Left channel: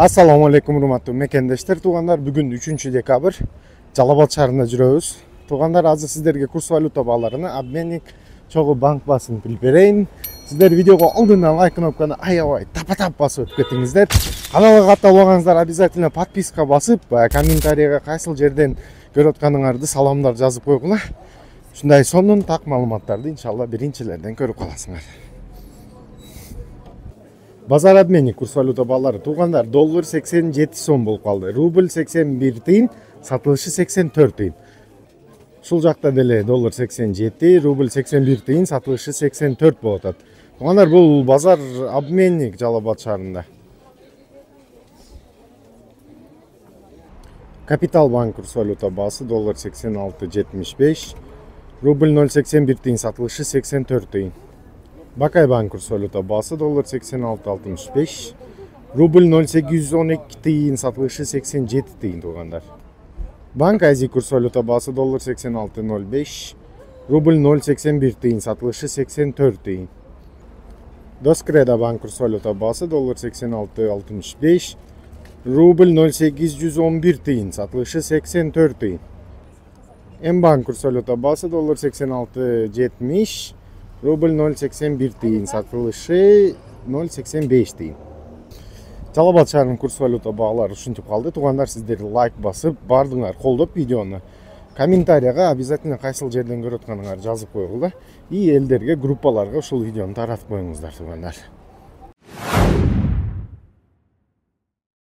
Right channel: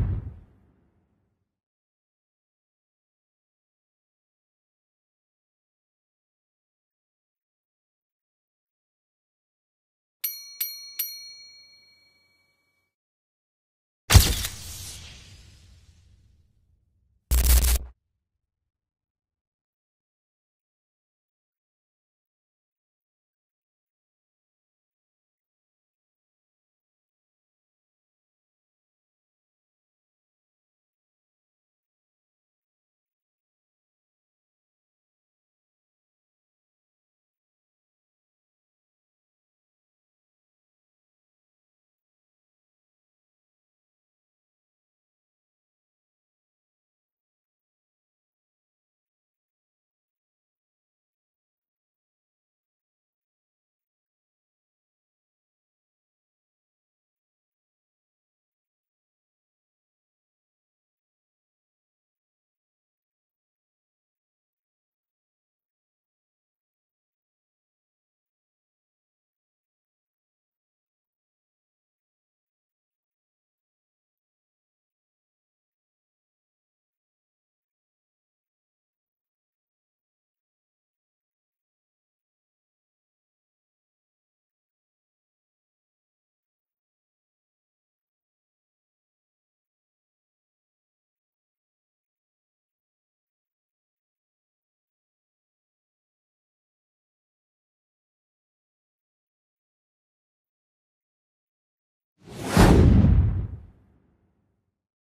Assalamu alaikum урматтуу мекендештер, туугандар. Бүгүн 3-декабрь Жалал Абад шаарында жүрөбүз. Туугандар, азыр сиздерге курс валюта бааларыны обменник чогуу банк басын билип берейин. Сиздер видеого алдынан лайк кнопканы аябай тапа-тап басып өтүп кетиңиздер. Каналга катталбагансыздар обязательно подписка басып, комментарийга кайсыл жерден көрүп атканыңарды саламдар жазып койгула. Ушундай сонун так маалыматтарды иншалла биринчилерден көрүп каласыңар. Базар обменник курс валюта баалары туугандар, доллар 87 сом болуп калды. Рубль 81 тыйын, сатылышы 84 тыйын. Ушул жакта деле доллар 87, рубль 81 тыйын, сатылышы 84 болуп атат. Туугандар, бул базар обменник Жалал Абад шаарында. Капитал банк курс валюта баасы доллар 86.75, рубль 0.81 тыйын, сатылышы 84 тыйын. Бакай банк курс валюта баасы доллар 86.65, рубль 0.812 тыйын, сатылышы 87 тыйын туугандар. Банк Азия курс валюта баасы доллар 86.05, рубль 0.81 тыйын, сатылышы 84 тыйын. Доскреда банк курс валюта баасы доллар 86.65, рубль 0.811 тыйын, сатылышы 84 тыйын. М-банк курс валюта баасы доллар 86.70, рубль 0.81 тыйын, сатылышы 0.85 тыйын. Жалал Абад шаарынын курс валюта баалары ушинтип калды. Туугандар, сиздер лайк басып, бардыңар колдоп видеону. Комментарийга обязательно кайсыл жерден көрүп атканыңарды жазып койгула. И элдерге, группаларга ушул видеону таратып коюңуздар туугандар.